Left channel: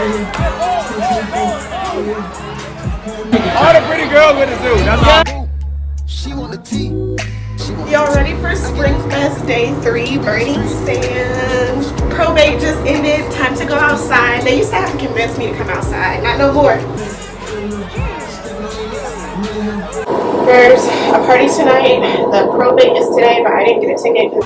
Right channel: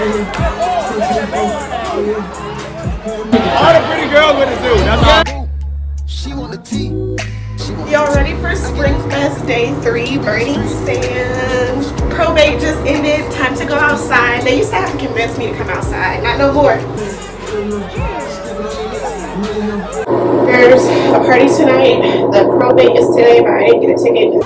All the pretty girls with us do. That's all. She want the tea. Y'all ready for Springfest Day 3 burning sand? Probate just ended. Time to go outside. They used to have to convince me to come outside. Not no more. There's a party tonight. The probate is today, but I didn't get a ticket.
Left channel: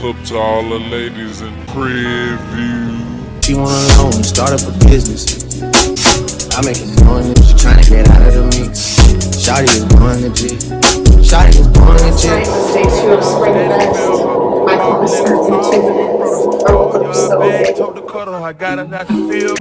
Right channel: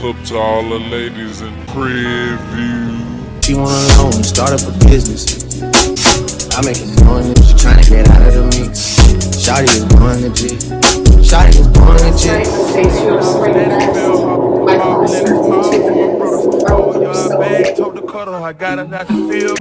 What's up to all the ladies in preview? She wanna loan, start up a business. I make it known if she tryna get out of the mix. Shawty is born legit. Shawty is born legit. Day 2 of Springfest. My class starts in 2 minutes. I got it, not to feel.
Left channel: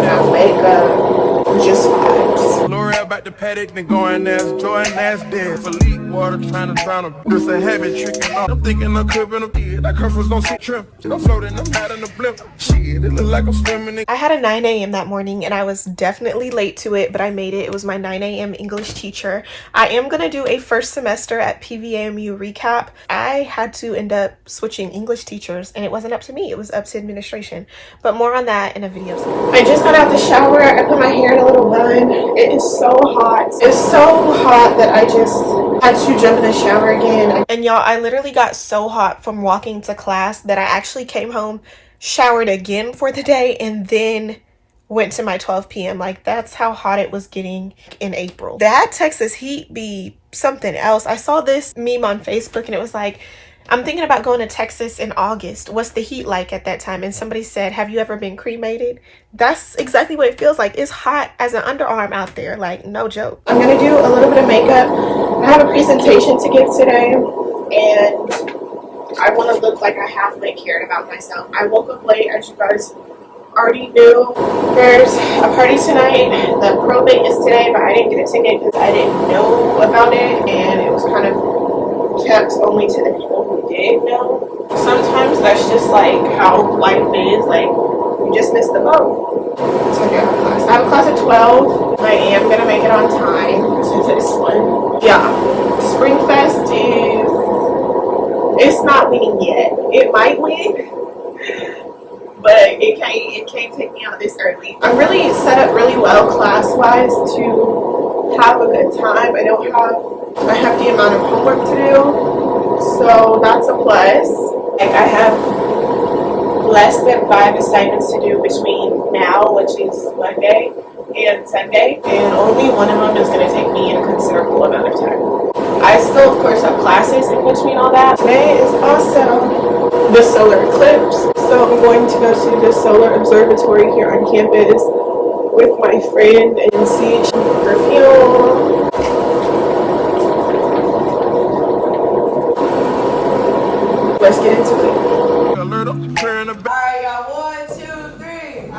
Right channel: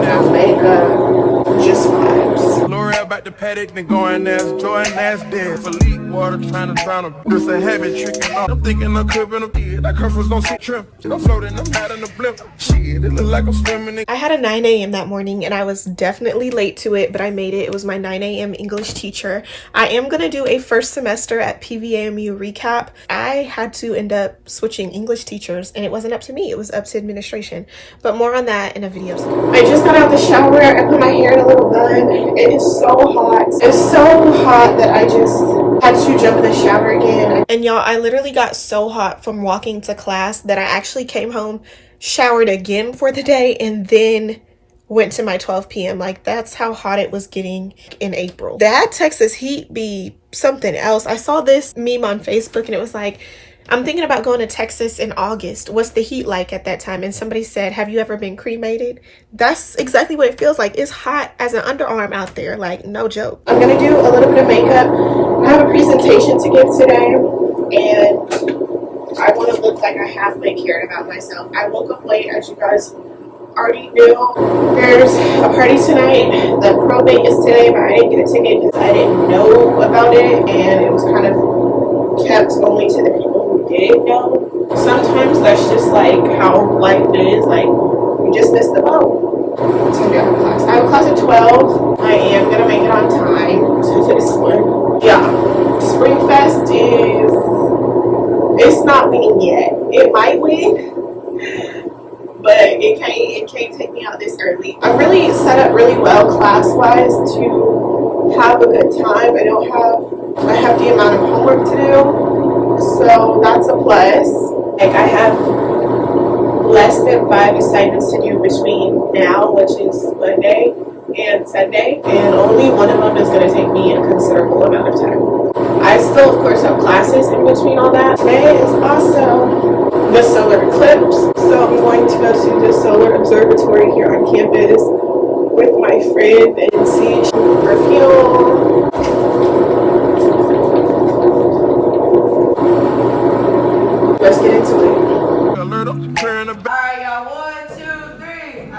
No makeup, just vibes. Lori about the paddock, then going as Jordan as dead. Philippe water trying to drown him. Just a habit tricking on. I'm thinking I could been a kid. That curve was don't see trim. I'm floating, I'm out in the blimp. Shit, it look like I'm swimming. I had a 9 a.m. that morning and I was definitely late to it, but I made it. It was my 9 a.m. English teacher. I am gonna do a first semester at PVAMU recap. I had to end up switching English teachers and it wasn't up to me. It was up to administration. But more on that in a video. I just got out the shower. I put my hair in a little bun. It is so hot. It's so hot that I just had to jump in the shower again. And y'all, I literally got so hot from walking to class that I actually came home, showered again for the day, and then went to my 12 p.m. Like, that's how hot it was getting in April. That Texas heat be something else. I saw this meme on Facebook and it was like, I'm thinking about going to Texas in August. What's the heat like at that time? And somebody said, have you ever been cremated? That's exactly what it feels like. It's hot as an underarm out there. Like, no joke. I'm going to do a little bit of makeup. I have a presentation to give today. And I want to look like I halfway cared about myself. I woke up late, as you guys already knew. There's a party tonight. The probate is today, but I didn't get a ticket because I didn't know about it. And it was kind of kept only to the people who did know. Sometimes that's just like how life is. Like, you just missed the boat. So I have class. I have a class at 12. I am gonna make it on time to this one. Yeah, Springfest it's not winning yet. It might win, but it can't take me out this early. I'm really set up really well class-wise to have a good time. I have the amount of homework to do, so that's a plus. Like, I have less than 5 assignments to do between now, which is Monday, and Sunday, and only one of them is going to take me a considerable amount of time. I still, of course, have classes in between all that. Today is also the solar eclipse, so I'm going to go to the solar observatory here on campus with my friend and see perfume. Let's get into it. Alright, y'all. 1, 2, 3.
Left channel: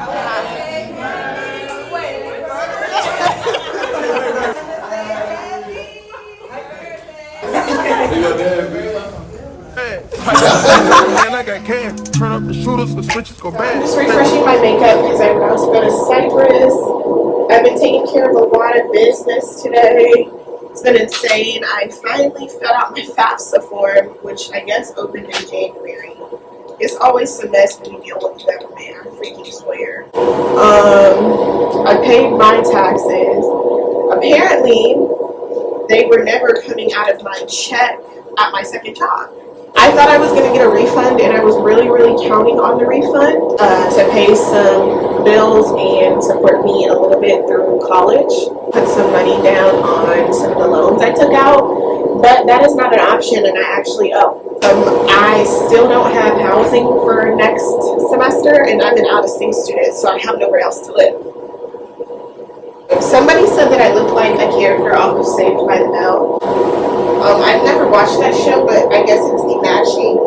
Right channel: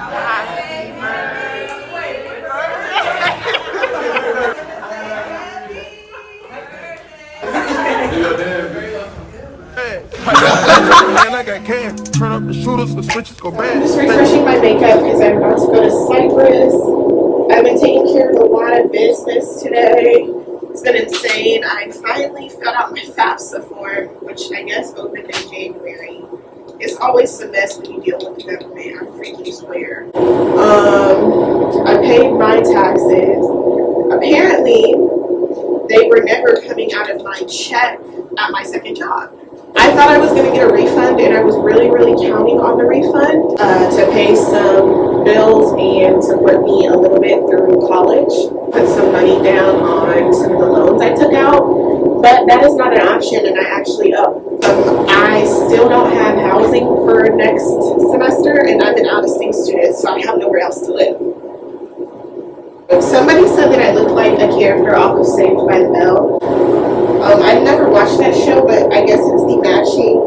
I got can. Turn up the shooters, the switches go bad. I'm just refreshing my makeup because I'm about to go to Cyprus. I've been taking care of a lot of business today. It's been insane. I finally filled out my FAFSA form, which I guess opened in January. It's always a mess when you deal with the government, I freaking swear. I paid my taxes. Apparently, they were never coming out of my check at my second job. I thought I was going to get a refund, and I was really, really counting on the refund to pay some bills and support me a little bit through college. Put some money down on some of the loans I took out, but that is not an option, and I actually owe. I still don't have housing for next semester, and I'm an out-of-state student, so I have nowhere else to live. Somebody said that I looked like a character off of Saved by the Bell. I've never watched that show, but I guess it's the matching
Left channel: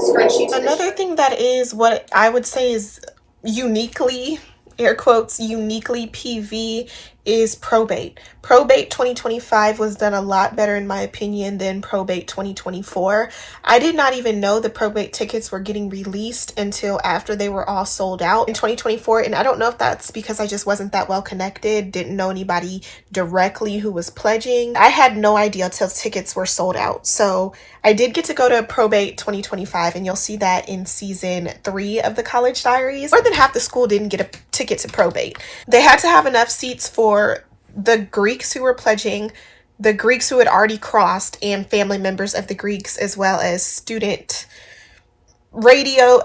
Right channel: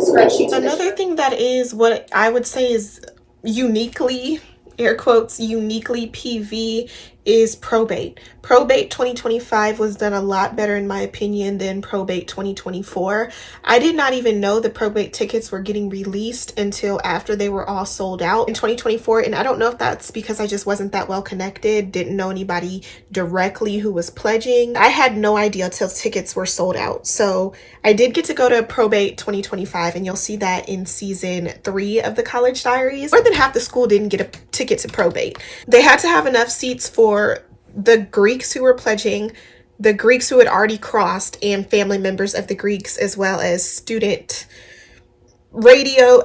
scrunchie. Another thing that is what I would say is uniquely, air quotes, uniquely PV is Probate. Probate 2025 was done a lot better in my opinion than Probate 2024. I did not even know the Probate tickets were getting released until after they were all sold out in 2024, and I don't know if that's because I just wasn't that well connected, didn't know anybody directly who was pledging. I had no idea till tickets were sold out. So I did get to go to Probate 2025, and you'll see that in season 3 of the College Diaries. More than half the school didn't get a ticket to Probate. They had to have enough seats for the Greeks who were pledging, the Greeks who had already crossed, and family members of the Greeks, as well as student radio,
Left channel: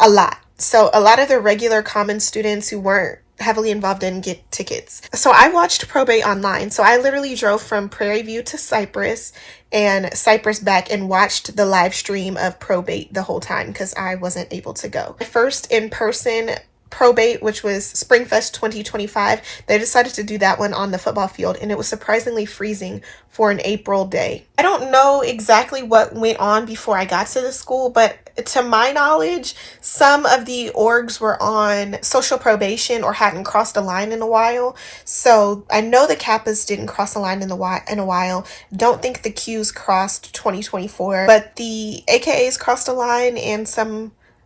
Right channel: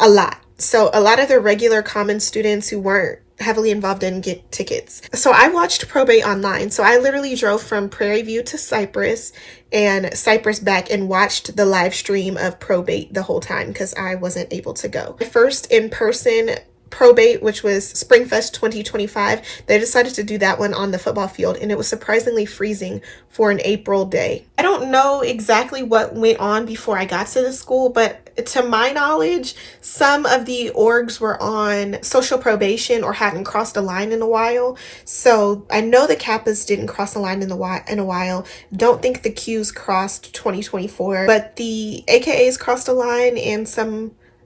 a lot. So a lot of the regular common students who weren't heavily involved didn't get tickets. So I watched Probate online. So I literally drove from Prairie View to Cypress and Cypress back and watched the live stream of Probate the whole time because I wasn't able to go. My first in-person Probate, which was Springfest 2025, they decided to do that one on the football field, and it was surprisingly freezing for an April day. I don't know exactly what went on before I got to the school, but to my knowledge, some of the orgs were on social probation or hadn't crossed a line in a while. So I know the Kappas didn't cross a line in a while. Don't think the Qs crossed 2024, but the AKAs crossed a line, and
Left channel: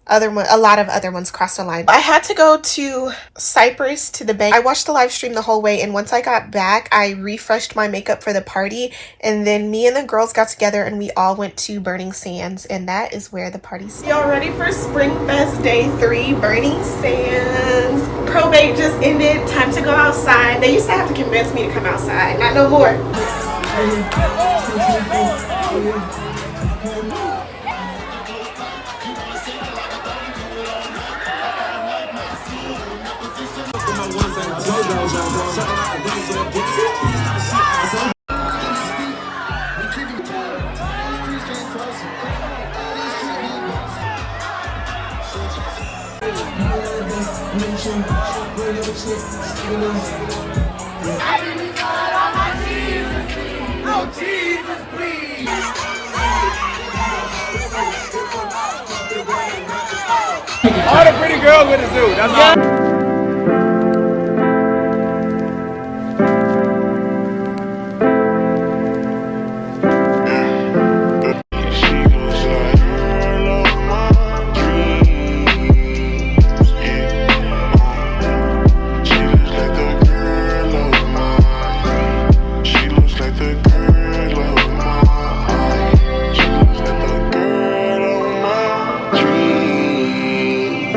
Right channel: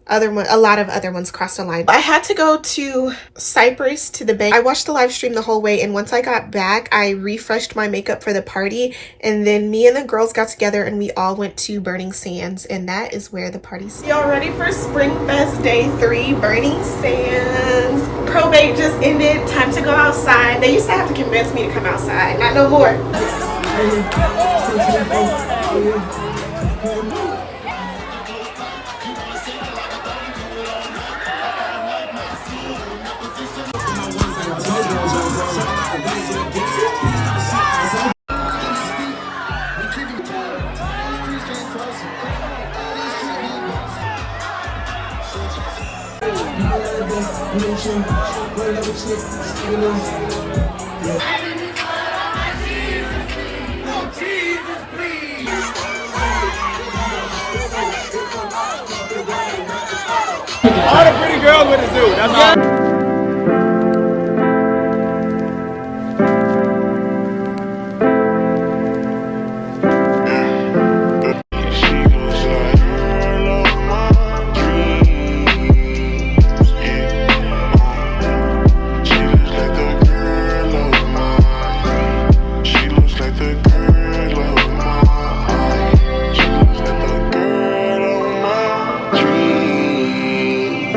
a lot of other ones crossed the line. I had to go to Cypress to the bank. I watched the live stream the whole way, and once I got back, I refreshed my makeup for the party, and then me and the girls got together and we all went to Burning Sands, and that is where the party started. Y'all ready for Springfest Day 3, Burning Sands? Probate just ended, time to go outside. They used to have to convince me to come outside, not no more. All the pretty girls with the dude. That's all.